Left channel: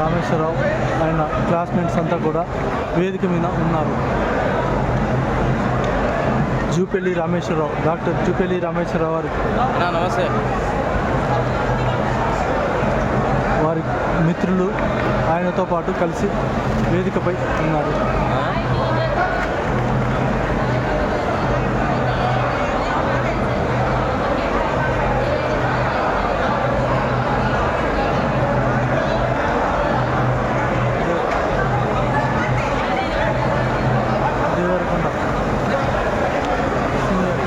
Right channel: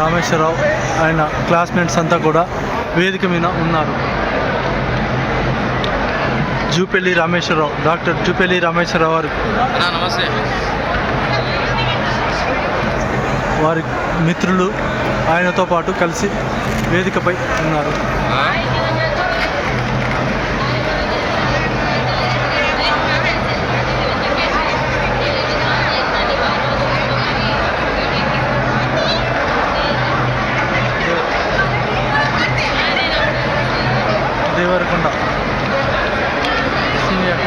రామేశ్వరరావు ఆయన క్లాస్మేట్స్ అంతా కూడా వేదిక మీద ఉన్నారు. జూపెల్లి రామేశ్వరరావు డాక్టర్ జూపెల్లి రామేశ్వరరావు వారి నమస్తే. వారి మిత్రులు ఆయనతో పాటు కలిసి వేదికపై ఉన్నారు. దేవరకొండ. సీనియర్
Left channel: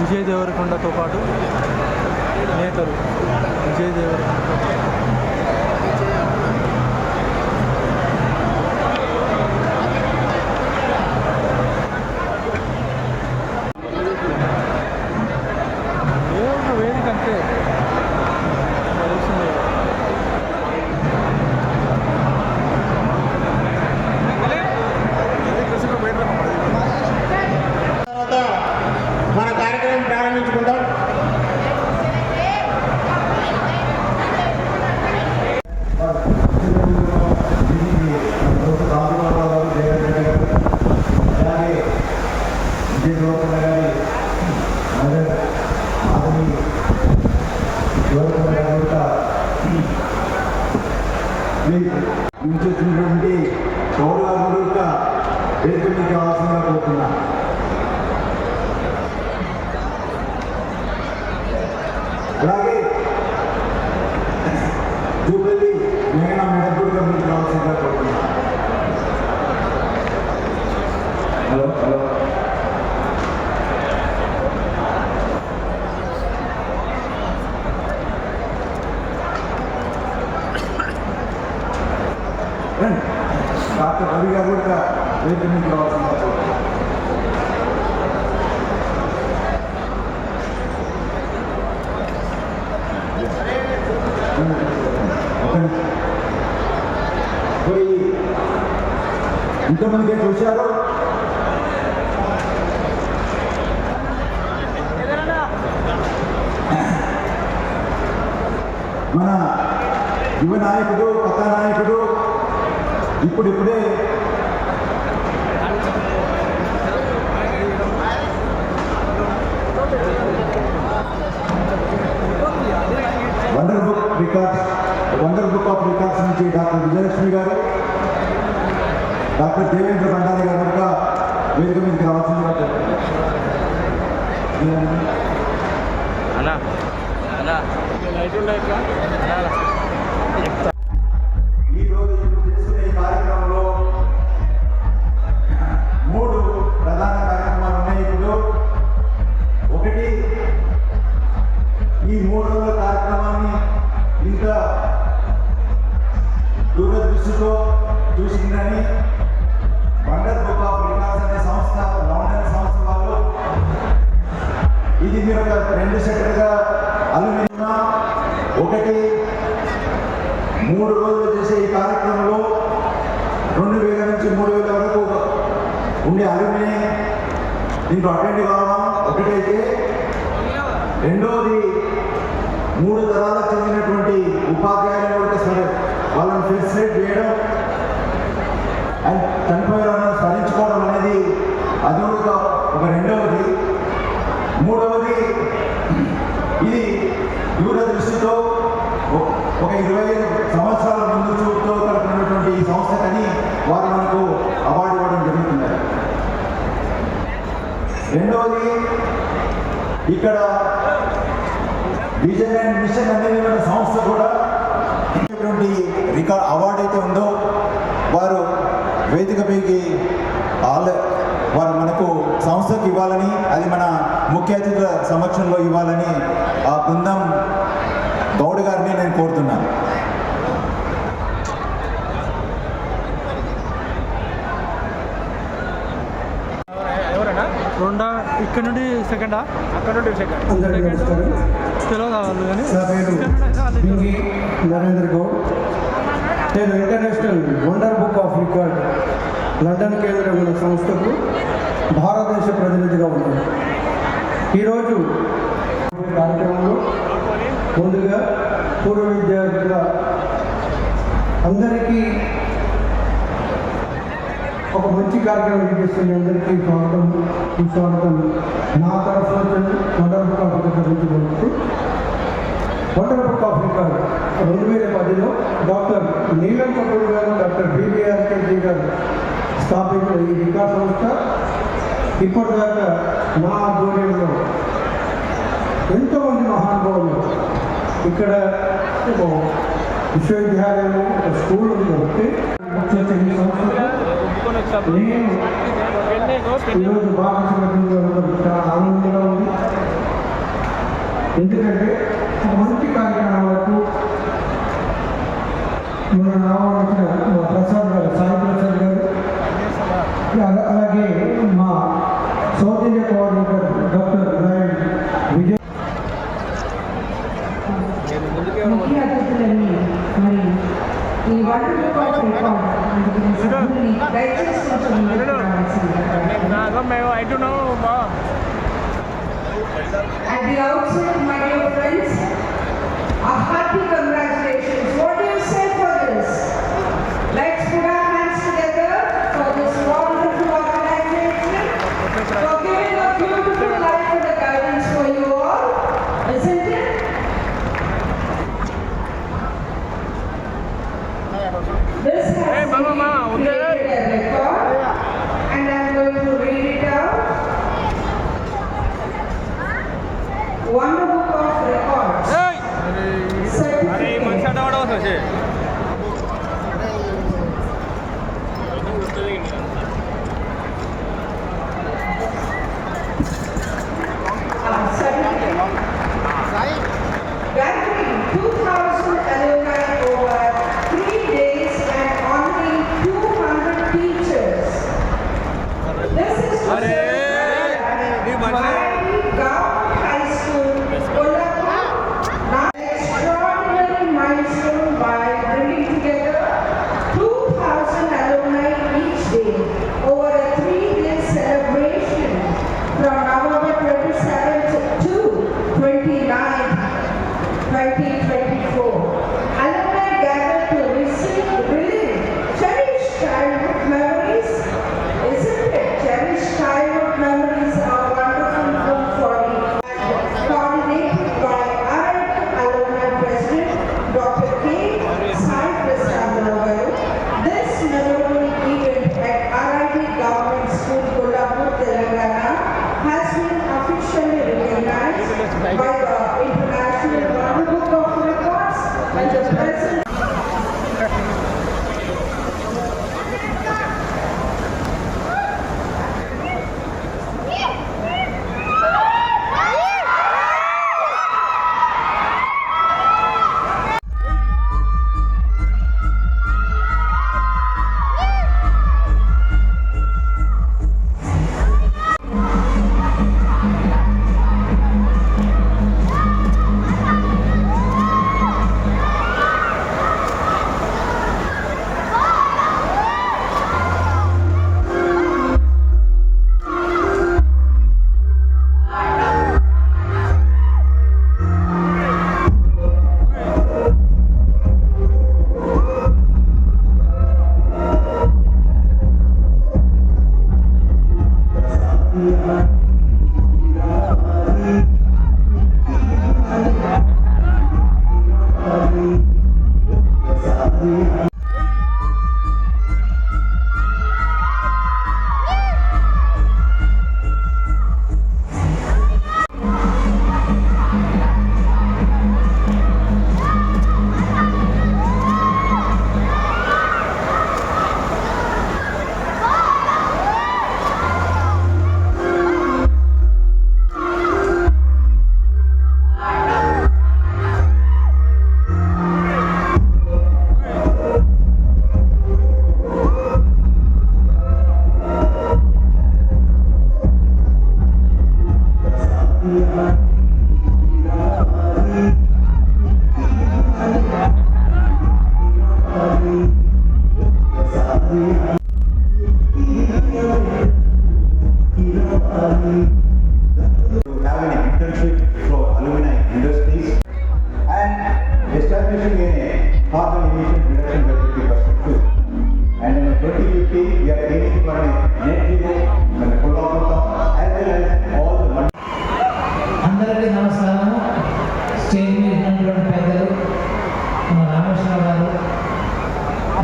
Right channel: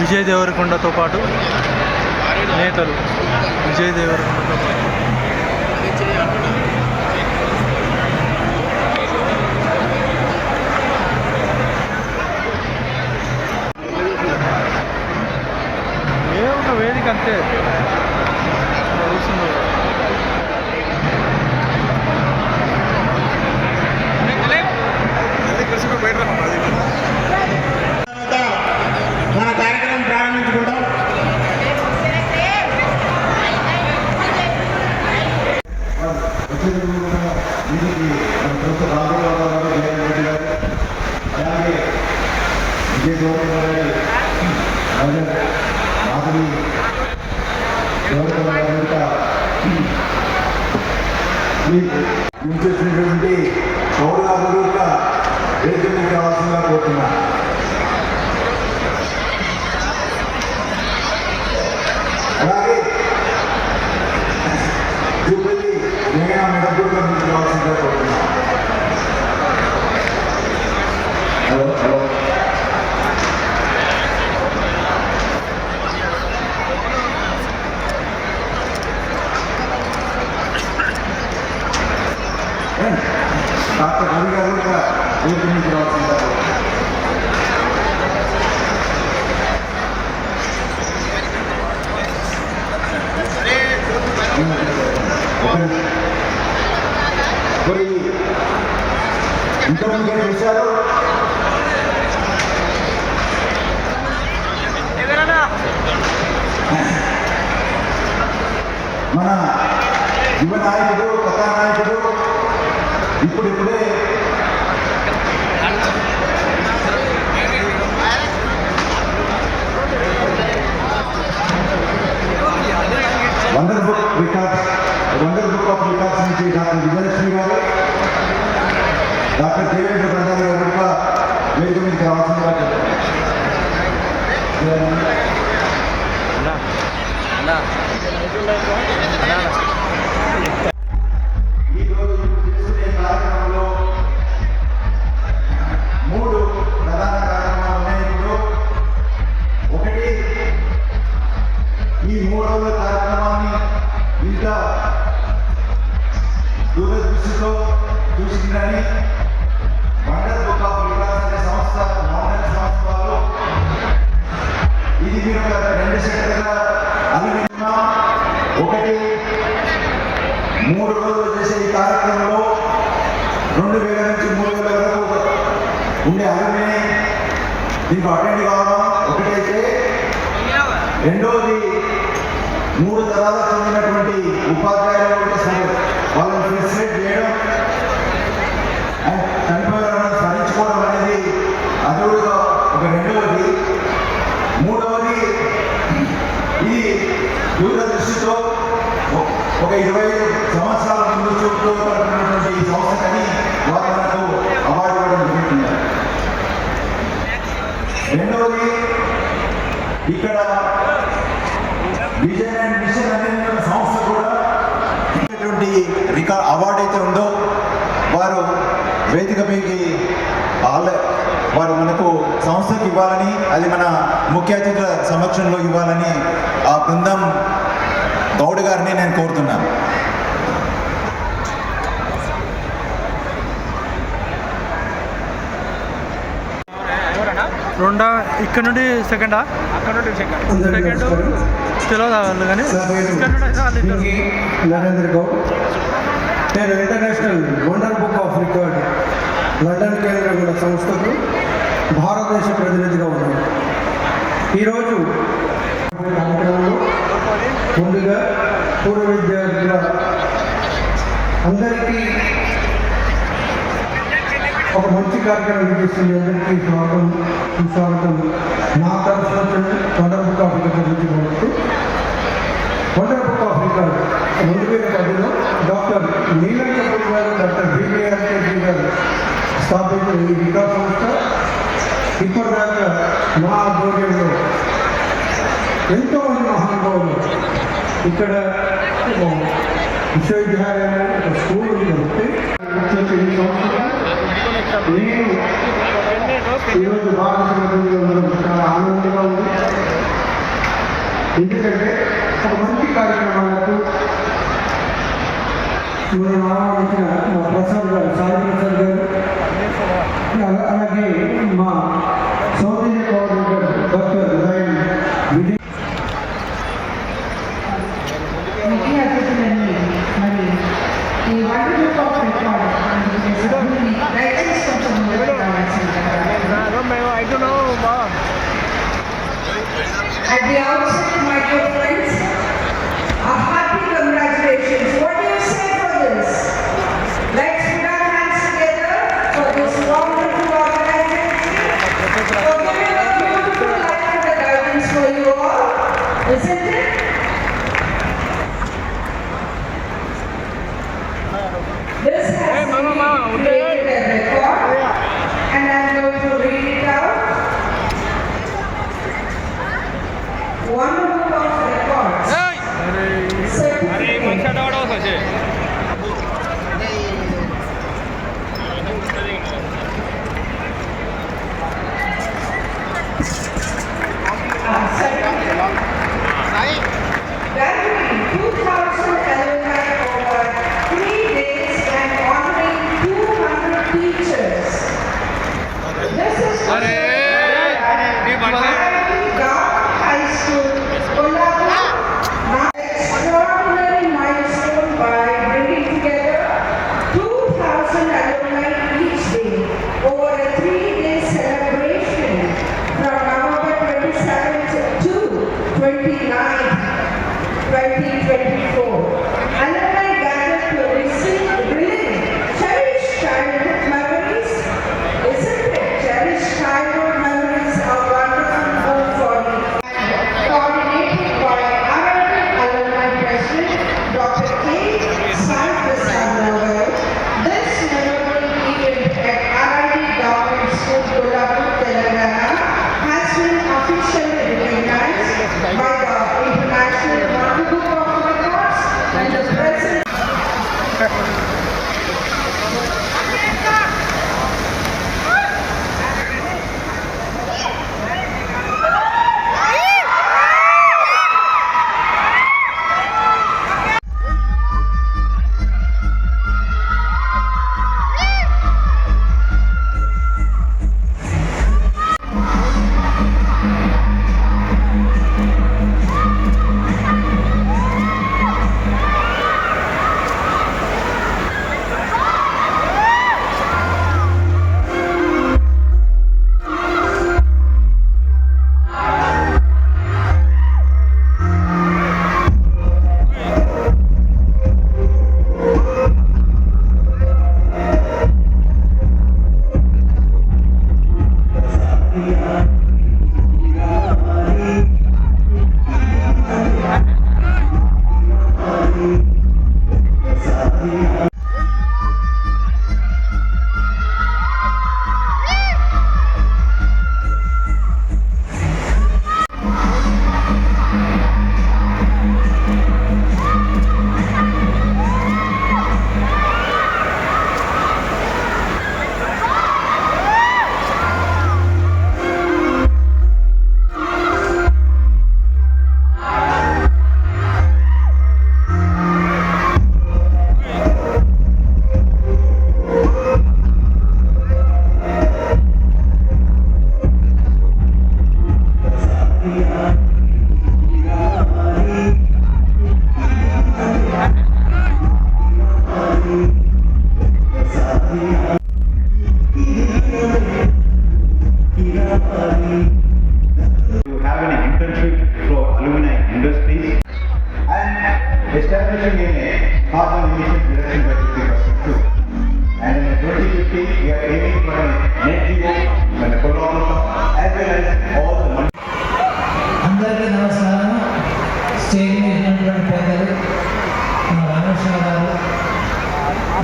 విజయ్ దేవరకొండతో పాటు నేతలు విజయ్ దేవరకొండతో పాటు ఏ ఒక వేదిక అంతే కూర్చున్నారు. మన కార్యక్రమం ప్రారంభించుకుంటాం అలాగే విజయ గౌరవ గారి అతని గౌరవ గారి యొక్క ఉంచేసినటువంటి పౌరాలు యొక్క వేదిక కావాల్సిందిగా కోరుతున్నాను అలాగే జూబిలీ మేఘనా మెడపూర్ కంపెనీ రావాల్సిందిగా కోరుతున్నాను హలో హలో డాక్టర్ రవి గారు కూడా వేదిక నుంచి రావాల్సిందిగా కోరుతున్నాను మరి ఇంతమంది చూశారు మన యువ నాయకుడు కొత్త నాయకుడు ఇప్పుడు ఇప్పుడే wonder book records wonder book of records నుంచి డాక్టర్ విజయలక్ష్మి గారు డాక్టర్ దేవేంద్ర దండారి గారు కూడా వేదిక మీకు రావాల్సిందిగా అన్నా అన్నా. ఇది మీరు ఒక రెండు సెట్లుగా అనుకున్నా ఒకటి మూడు రోజులు చేసే ఈ కార్యక్రమంలో రెండు వేల నుంచి మూడు వేల వరకు ఉండే అలుమిని దీంట్లో అటెండ్ కావడం ఒకటైతే రెండో మూడు తరాలకు చెందినటువంటి ఉపాధ్యాయులు ఉంటే సరే వాళ్ళని ఫెసిలిటేట్ చేయడం అండ్ చనిపోయిన వాళ్ళని స్మరించుకోవడం అనేది అది కూడా ఒక రెండవది మూడవది ఇది దూరదృష్టితో ఒ- ఒక ఇరవై సంవత్సరాల ముందు చూపుతూ ఉన్నటువంటి ఈ సంస్థకని వారు మనకు అవార్డు ఇవ్వడం జరుగుతున్నారు రెండవది ఇక్కడ విజయ్ అండ్ మిషన్ అనే ఒక సంస్థ కూడా రికార్డ్ అవార్డు అయితే ఉందో వారు వేదికపైకి ఆల్ వారు మనకు సంస్థకి ఇవ్వాలని అది మన ముఖ్య అతిథుల సమక్షంలో ఇవ్వాలని ఆ బృందం గౌడ్ గారిని నేను కోరుతున్నాను. రెండా? ఇక్కడ నుండి సెకండా? అందరికీ సెకండ్. నమస్కారం. తెలియదు వాళ్ళు కానీ? ఇక్కడ నుండి అయితే వాళ్ళు ఇద్దరు. నరేంద్ర గౌడ్ నేను international wonder book of record London కేంద్రమైన సంస్థకు భారతదేశ ప్రతినిధిగా ఉన్నాను. ఈరోజు కార్యక్రమంలో ముందుగా పూర్వ విద్యార్థుల అందరికీ ఒక మంచి కార్యక్రమం చేస్తుంది అందరికీ స్వాగతం. స్వాగతం నా తరఫున వండర్ బుక్ ఆఫ్ రికార్డ్ గురించి. వండర్ బుక్ ఆఫ్ రికార్డ్ రెండు వేల పదిలో డాక్టర్ నీలం కపూర్ గారు డాక్టర్ బీబీఆర్ కేజీ గారు స్థాపించిన ఈ వికాస్ సంస్థ. ఇప్పటిదాకా మా ఆధ్వర్యంలో ఎంతోమంది మహానుభావులు ఇక్కడ విశ్వవిద్యాలయంలో ఒక స్కూల్ ఉంది. కాబట్టి నేను ఈరోజు భారతదేశంలో చాలా ఆనందంగా ఉంది ఎందుకంటే ఒక మంచి కార్యక్రమాలకు మనం ఆహ్వానించిన మా ప్రసాద్ గారు సాయి ప్రసాద్ గారు అలా- అలాగే మా south India coordinator doctor lion Vijay ముఖ్య అతిథులని మరి ఈ వరల్డ్ బుక్ ఆఫ్ రికార్డ్ అందుకునే సభ్యుల్ని దయచేసి కొంచెం ముందుకు రావాల్సిందిగా At the outset,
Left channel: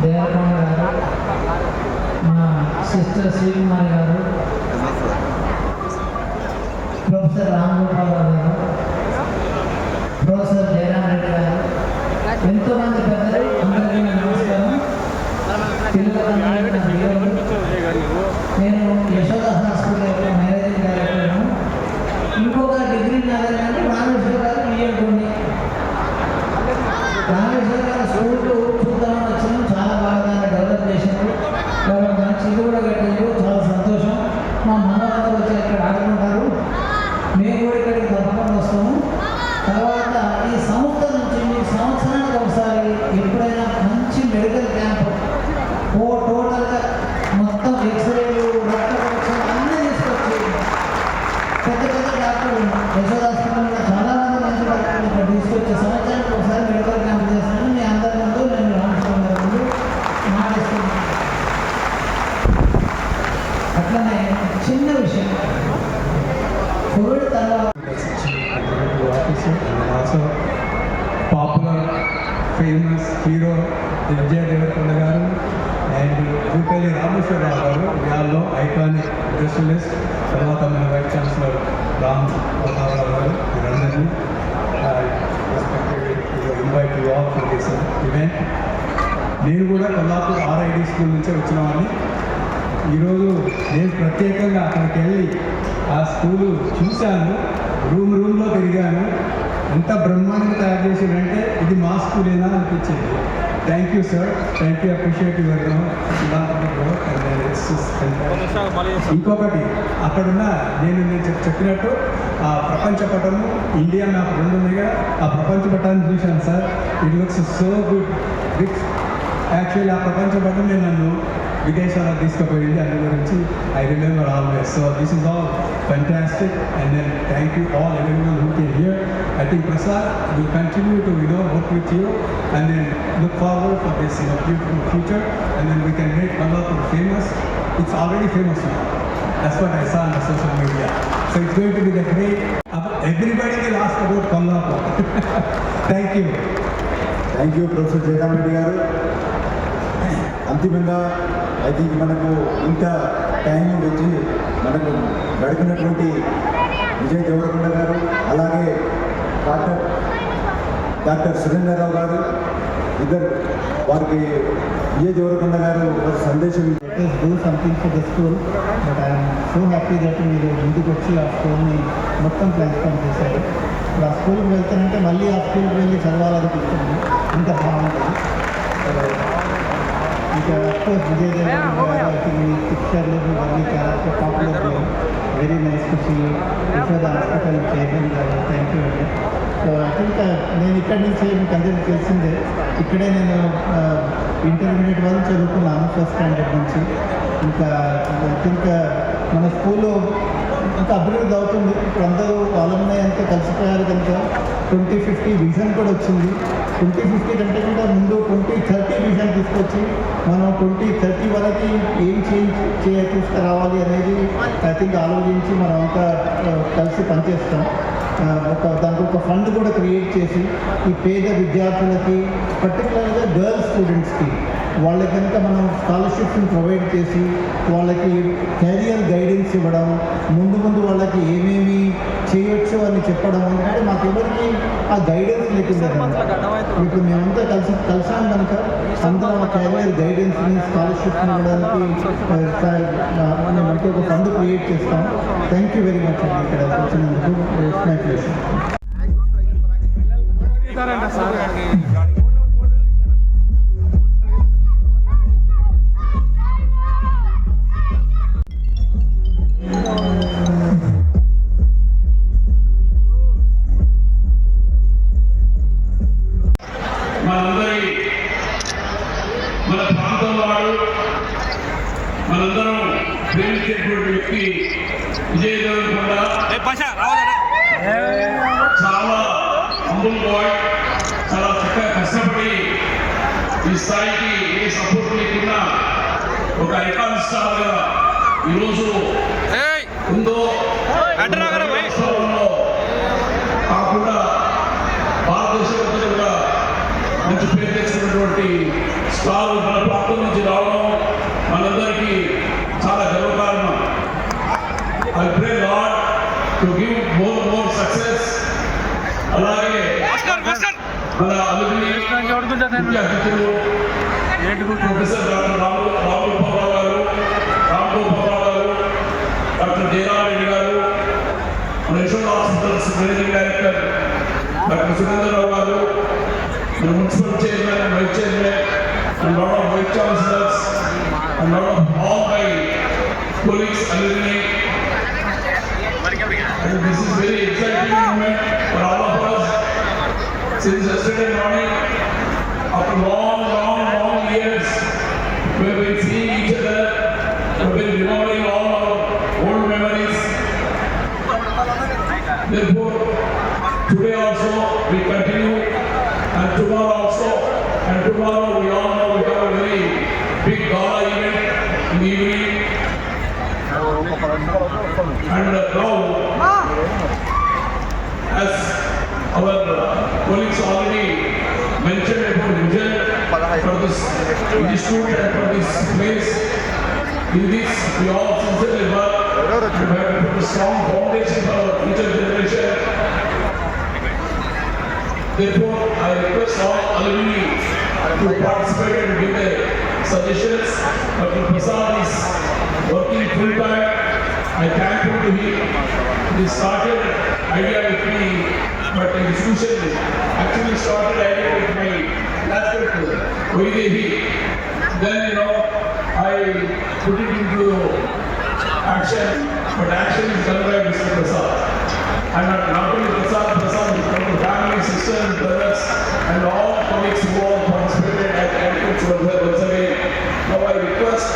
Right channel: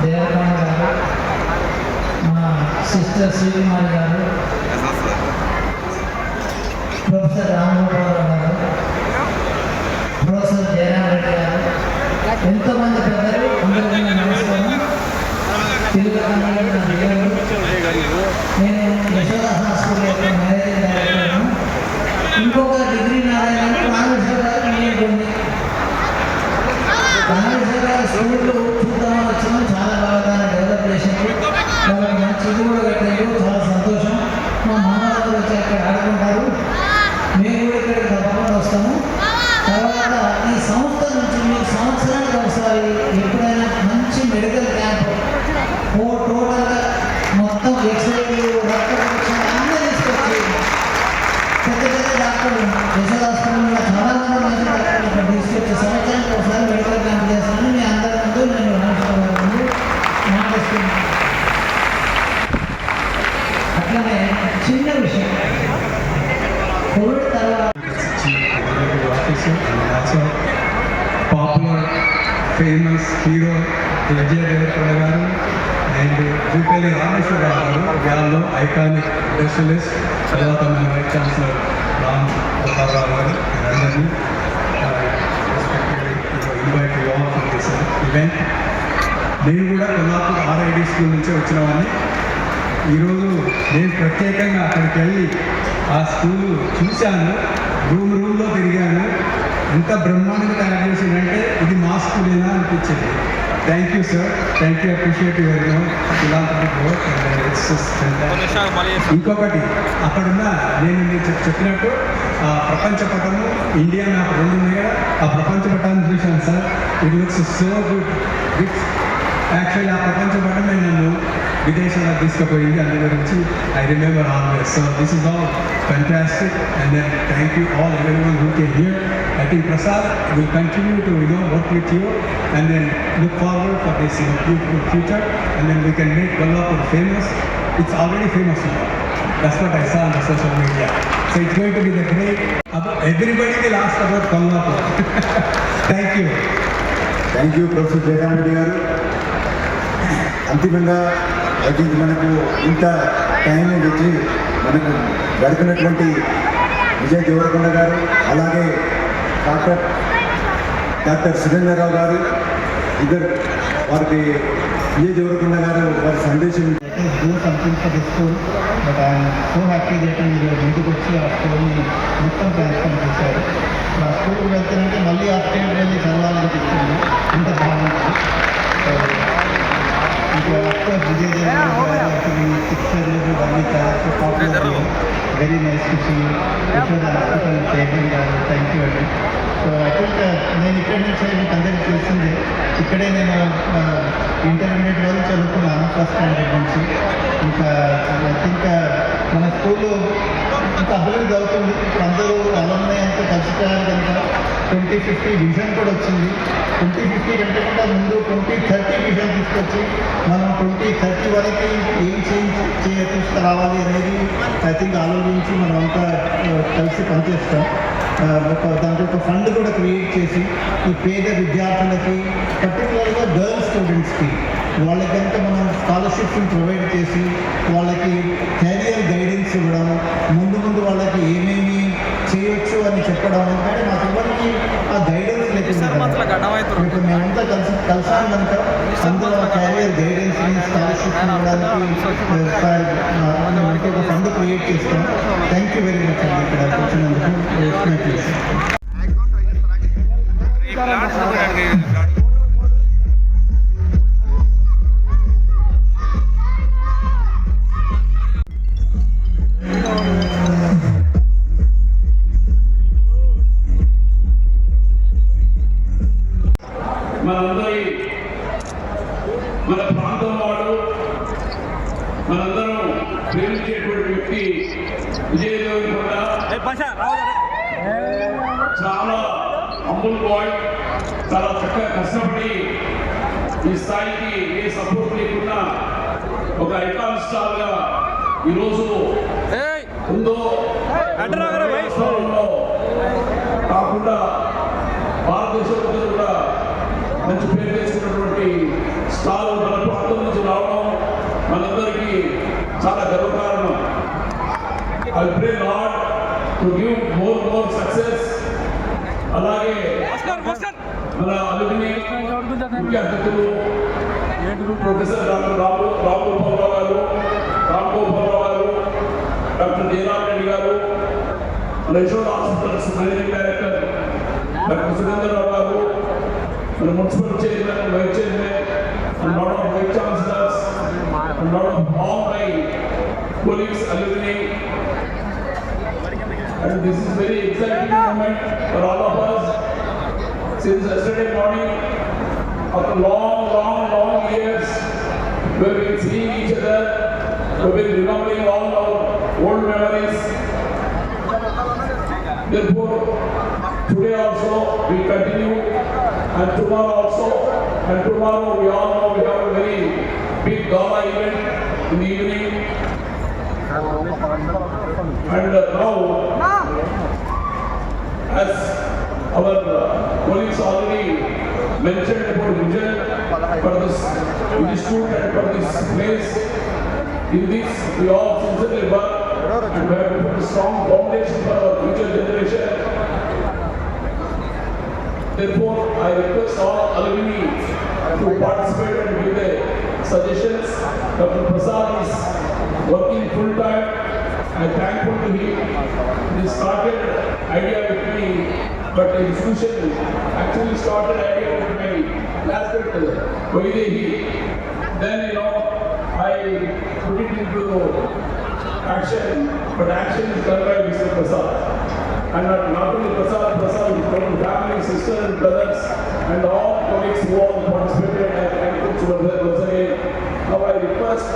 దేవకొండ గారు మన సిస్టర్ శ్రీకుమారి గారు ప్రొఫెసర్ రామగోపాలరావు గారు ప్రొఫెసర్ జయరామ్ రెడ్డి గారు ఎంతోమంది పెద్ద ఫేమస్ హీరో విజయ దేవరకొండ గారు అండ్ జూపల్లి రామేశ్వరరావు గారు వ్యాల్లో ఐకానిక్ స్పెషలిస్ట్ తర్వాత మన వైస్ ఛాన్సలర్ రామ్ ప్రతాపరావు గారు వీరందరినీ ఇన్వైట్ ఆల్ దిస్ ఈవెంట్ నేను కూడా కొల్లాపూర్ ఆర్ఐడి స్కూల్ నుంచే వచ్చిన వాడిని. ఈరోజు నేను ప్రత్యేకంగా అక్కడికి వెళ్ళి ఆ స్కూలు చూశాను రూమ్ రూమ్లో తిరిగాను. ఎంత బ్రహ్మాండంగా తయారు చేసిందంటే ఇది మా స్కూలేనా అనిపించింది. Thank you sir thank you appreciate your ఇంకొకటి అక్కడున్న నేను చెప్పినట్టు ఆ ప్రపంచ పటము ఇండియా నాకు రెండు ఉన్నాయి? ఆ ప్రపంచ పటాన్ని చూశాను sir it looks so good with actually ఆ ప్రపంచ పటమే నన్ను విదేశాలకు తీసుకుపోయింది అందు గురించి I remember always so this is all fantastic and then thank you all everyone who came here i think prasad will continue to you know work with you and then look forward for this you know, beautiful future and then we can make Kolhapur famous it's already famous now that's what i saw on the social media so it's going to be the great everybody will ask about Kolhapur thank you thank you professor Jayaram Reddy గారు అంతిమంగా I think మనకు ఇంత time వచ్చి మనకు గడిపినటువంటి విజయ్ దేవరకొండ గారు అలాగే doctor doctor Surendrarao గారు ఇద్దరు వారికి విజయ్ దేవరకొండ గారు వారి సందేశం let us do something for the school but I am మీరు ఇంటికి వచ్చి ఆ స్కూల్ని మొత్తం ట్రాన్స్ఫర్ చేశారు. ఆ స్కూల్కి వెళ్తానంటే మళ్ళీ ఆ స్కూల్కి వెళ్ళి చదవాలనిపిస్తుంది ఇంత బాగుంటుంది ఇంకా అఫ్కోర్స్ విజయ్ పిక్చర్లు ఇవన్నీ చాలా popular very nice to see Yashoda hospital thank you అండి. సో ఐ థింక్ నేను ఇక్కడి నుంచి మీకు అందరికీ తెలిసిందే ఇక్కడే నేను ఇంటర్మీడియట్ వరకు చదువుకున్నాను ఫస్ట్ స్టాండర్డ్ నుంచి. ఇంకా ఐ థింక్ మన స్కూల్లో ఇంకా అభివృద్ధి అవుతుంది. ఇప్పుడు అందరూ అలమ్నాయి అంతా కలిసిపోయారు కనుక ట్వంటీ ఫిఫ్టీ విజన్ కూడా వచ్చింది. ట్వంటీ ఫిఫ్టీ కంటే కూడా ముందు ట్వంటీ థర్టీ విజన్ తీసుకొచ్చి మనం ట్వంటీ థర్టీ వరకు ఏం చేయించి చేయ తీసుకురావాలి అనేది ఐ థింక్ ఆలోచించి మనం అంతా కలిసి పనిచేస్తాం. ఒక దానికి ఒక ఫండ్ కూడా క్రియేట్ చేసి ఈ పేద విద్యార్థులకి పర్టికులర్గా గర్ల్స్ స్టూడెంట్స్కి వాళ్ళకి కనుక మనం స్కాలర్షిప్స్ని ప్రొవైడ్ చేసి వాళ్ళకి కెరియర్ గైడెన్స్ ఇవ్వడం ముందు ముందు వాళ్ళకి ఏమేమి చేయొచ్చు చెప్పడం ఎందుకంటే మాకు ఎవరికి ఆ గైడెన్స్ ఇప్పుడు మేమంతా కలిసి కలిసాం కనుక కెరియర్ గైడెన్స్ని స్కాలర్షిప్ ఇవ్వడానికి ఒక ఫండ్ క్రియేట్ చేస్తాం. థ్యాంక్ యూ వెరీ మచ్ అండి. ఇక్కడ వచ్చినందుకు I pray Lord to give more and more success. అలాగే మన అలుగుని ముఖ్య అతిథులు ప్రొఫెసర్ డాక్టర్ రామ్ రామ్ గోపాలరావు గారు రామ్ గోపాలరావు గారు డాక్టర్ జయరామ్ రెడ్డి గారు మన Yashoda hospitals managing director doctor Surendrarao గారు మన municipal chairman vice chairman and lot of vice chancellors and lot of all my colleagues alumni this is a very exciting moment for all of us since yesterday morning after long long long years we have been seeing each other we have been remembering all our old memories. Therefore today also we continue and tomorrow also and tomorrow we all know we have a very big gala event in the evening. And uh, now as our uh, colleagues already mentioned about vision for this institute and for this place in this we all sincerely work and we have to put a strong foundation for our future generation Therefore, I request all alumni to participate and give their suggestions. Dr. Prasad is working full time. I thankful to him. He started idea with me, but institution actually started idea with my classmate Vaidehi. Then you know, I put it into action, but action is done by Mr. Prasad. And not only Prasad, Prasad, but the family, sisters, brothers, and all colleagues who all participated once again. Now I request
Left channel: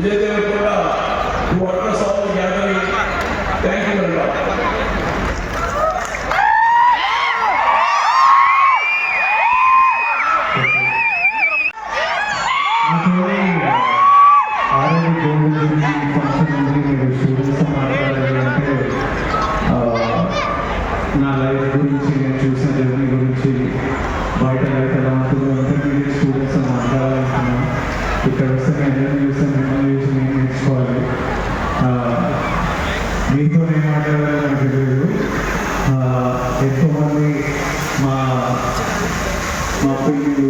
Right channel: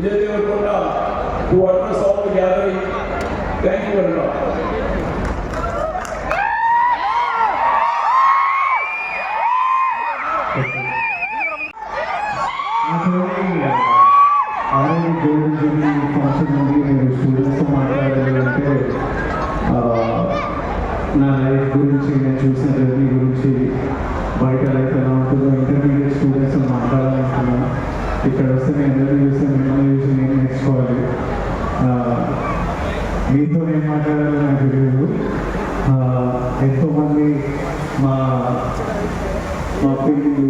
Vijay Devarakonda to address all the gathering. Thank you very much. ఎంతోమంది మా మా పిల్లలు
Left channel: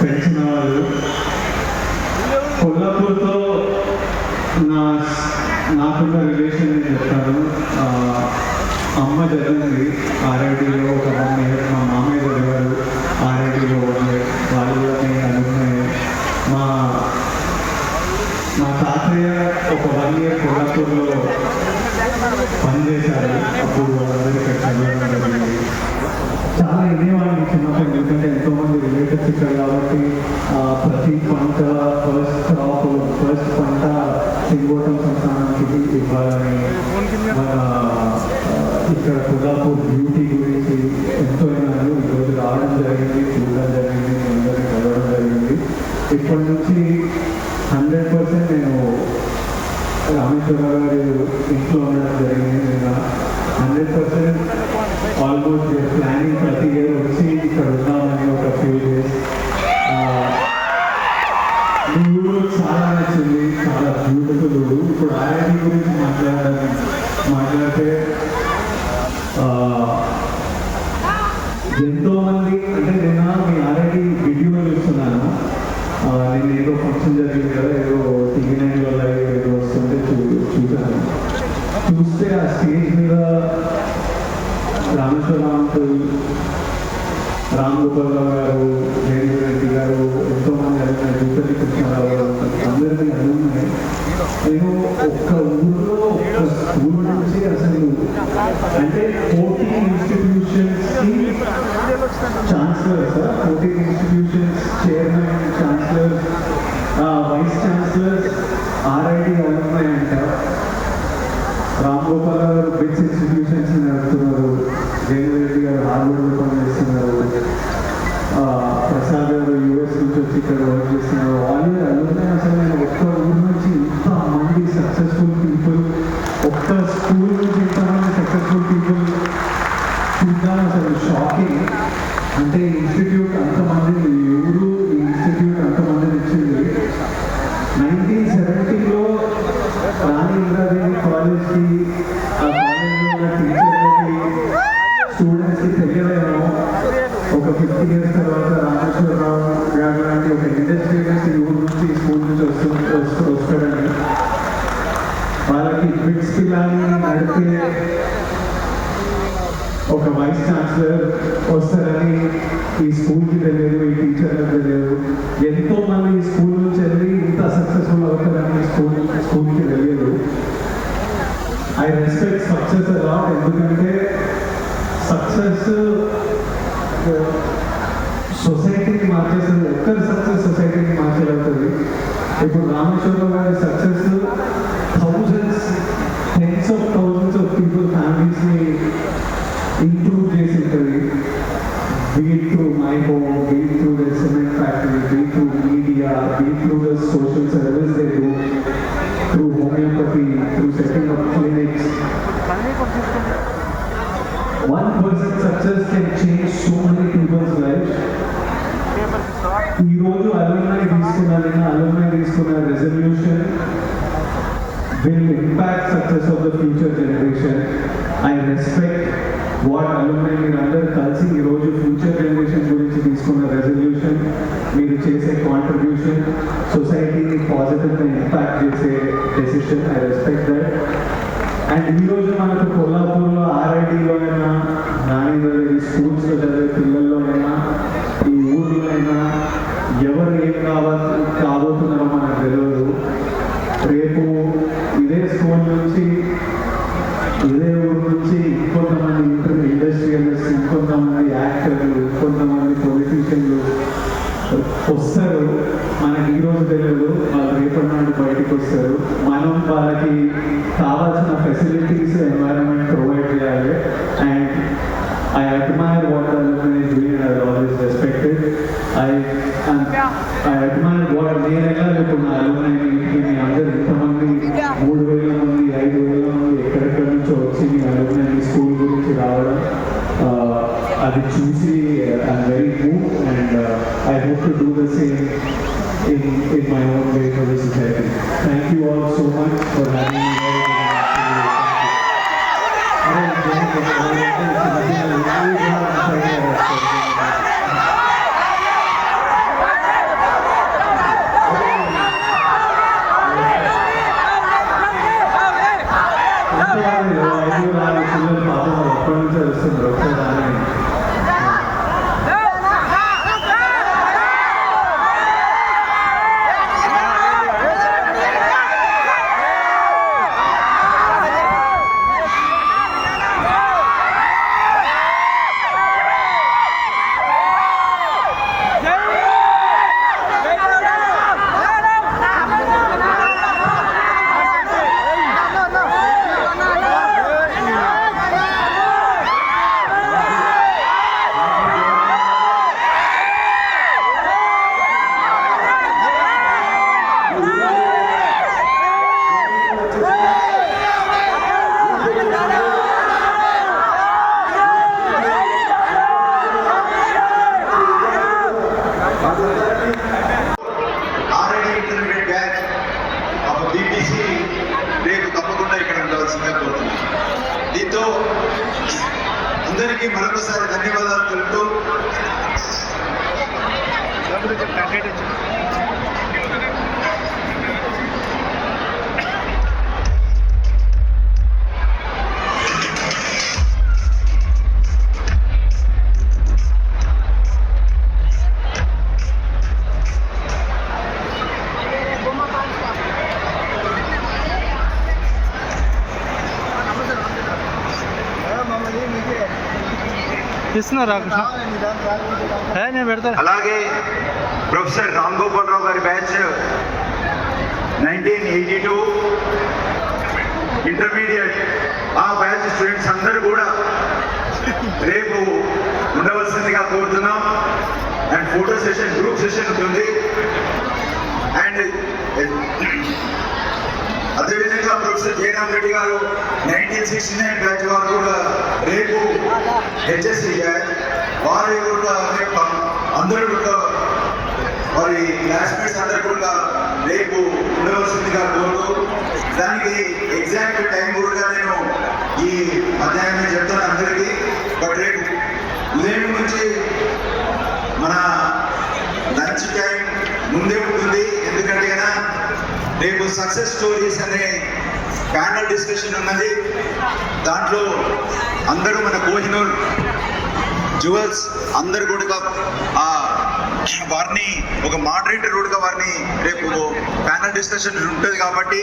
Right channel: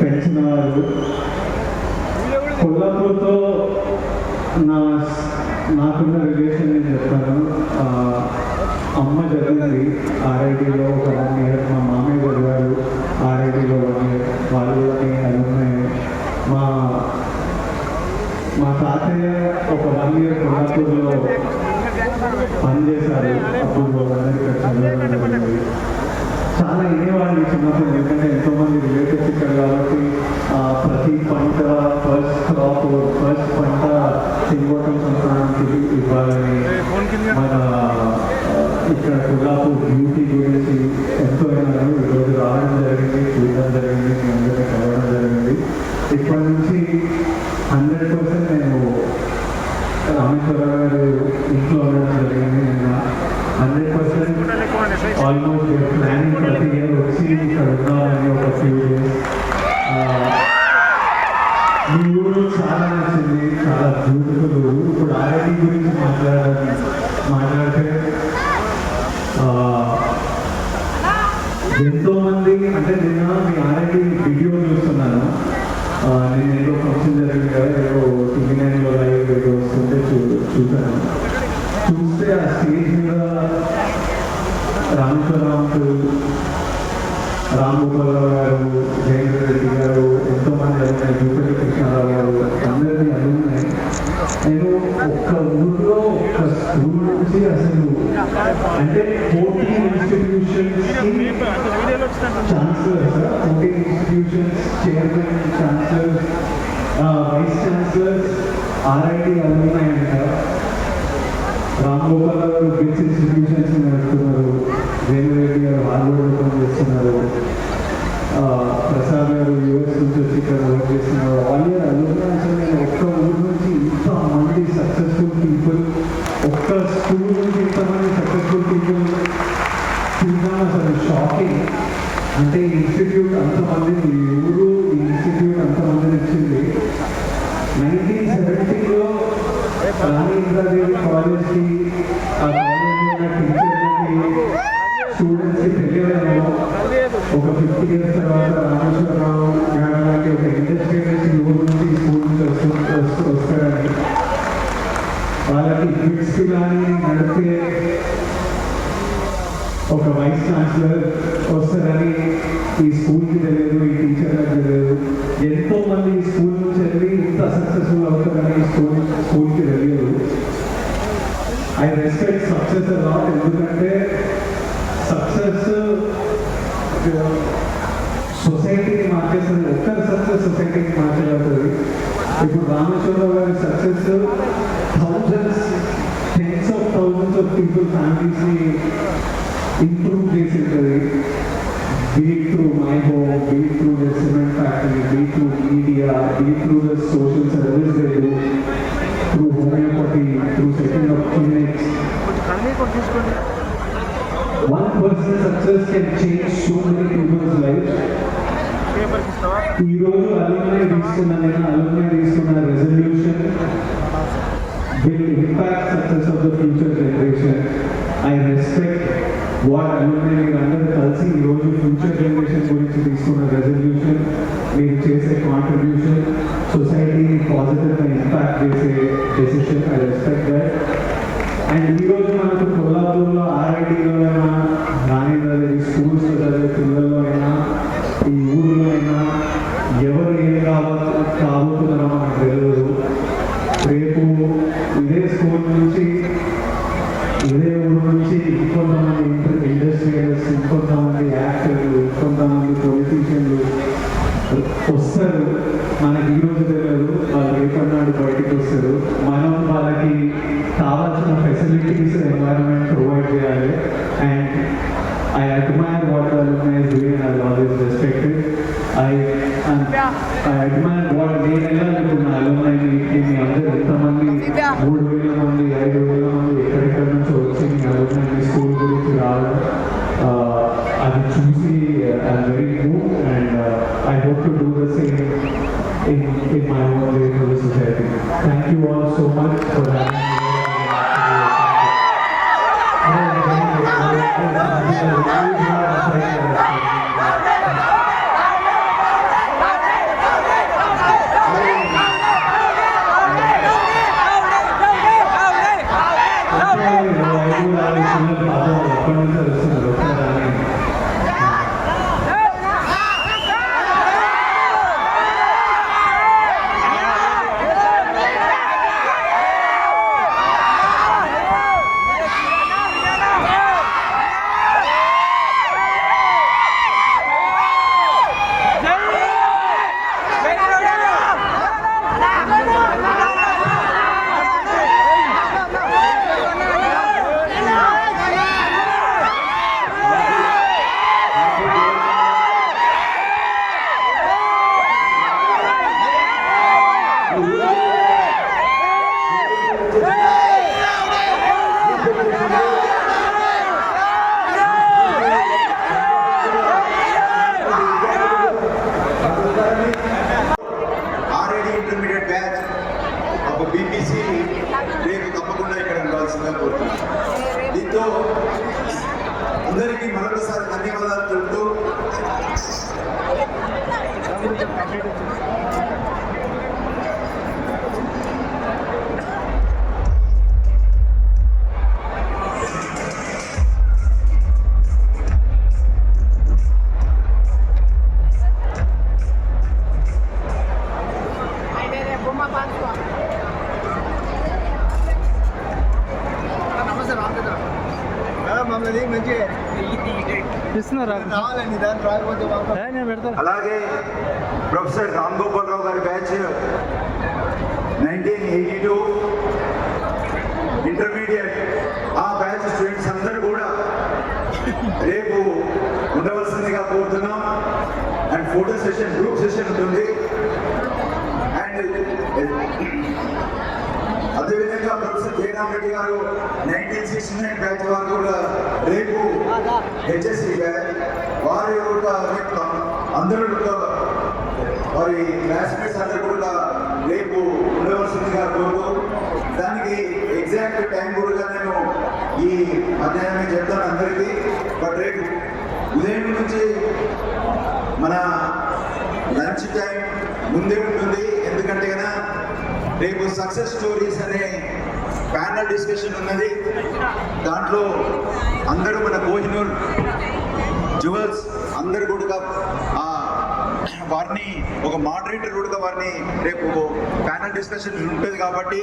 పెంచిన వారు కొల్లాపూర్తో నా నాకున్న relation నేను చెప్తాను. అమ్మ జరిగినది ఆర్ఐటీలో Thank you. ఎదిగిన తర్వాత రామేశ్వరరావు గారు లాంటి ఒక నుంచి స్కూల్ నుంచి వస్తూ వస్తూ వాళ్ళకి కిడ్స్ నడిపే ఒక వైస్ ఛాన్సలర్ వస్తారని Media beat through the social service they do through homeopathy through setting up clinics One person's success can change so many people's lives. ఈ రోజు అలుమ్నై తీసుకున్న నేను అలుమ్నై తీసుకున్న resolution will impact success of the future generation. I respect what alumni మీరు అందరూ కలిసి ఈ రోజు ఫ్యూచర్ జనరేషన్ గురించి తీసుకున్న రెజల్యూషన్ మీరు చేసే contribution positive and impact based decision. I respect that. Yeah. నేను అలాగే ప్రొఫెసర్ రామ్ గోపాలరావు గారి batch nineteen eighty two intermediate. ఆ బ్యాచ్ స్టూడెంట్స్ అందరూ కూడా రేపు ఉండవలసిందిగా కోరుతున్నాం. And photo session group session ఉంటుంది. అండ్ అదేవిధంగా ప్రొఫెసర్ జయరామ్ రెడ్డి గారు నైన్టీన్ సిక్స్టీ నైన్ బ్యాచ్ వారు కూడా రేపు హెచ్ఎస్సి బ్యాచ్ వారి కూడా రేపు అందరూ కూడా వారి క్లాస్మేట్స్ అందరూ కూడా రేపు ఉండవలసిందిగా కోరుతూ దానికి ఎగ్జాక్ట్ టైం కూడా నేను ఈ అధ్యాయం చెప్తాను అందరికీ. బట్ రేపు ఉదయం నుంచి మన లంచ్ టైం ముందే ఉంటుంది. రేపు సక్సెస్ స్టోరీస్ అనే ప్యానల్ డిస్కషన్ ఉన్నది. దాంట్లో అందరూ మన కోహినూర్ జ్యువెల్స్ అందరు కూడా ఆ, వారిని ఒక మోడరేటర్ కూడా వారిని రేపు ప్యానల్ డిస్కషన్ ఉంటుంది కాబట్టి.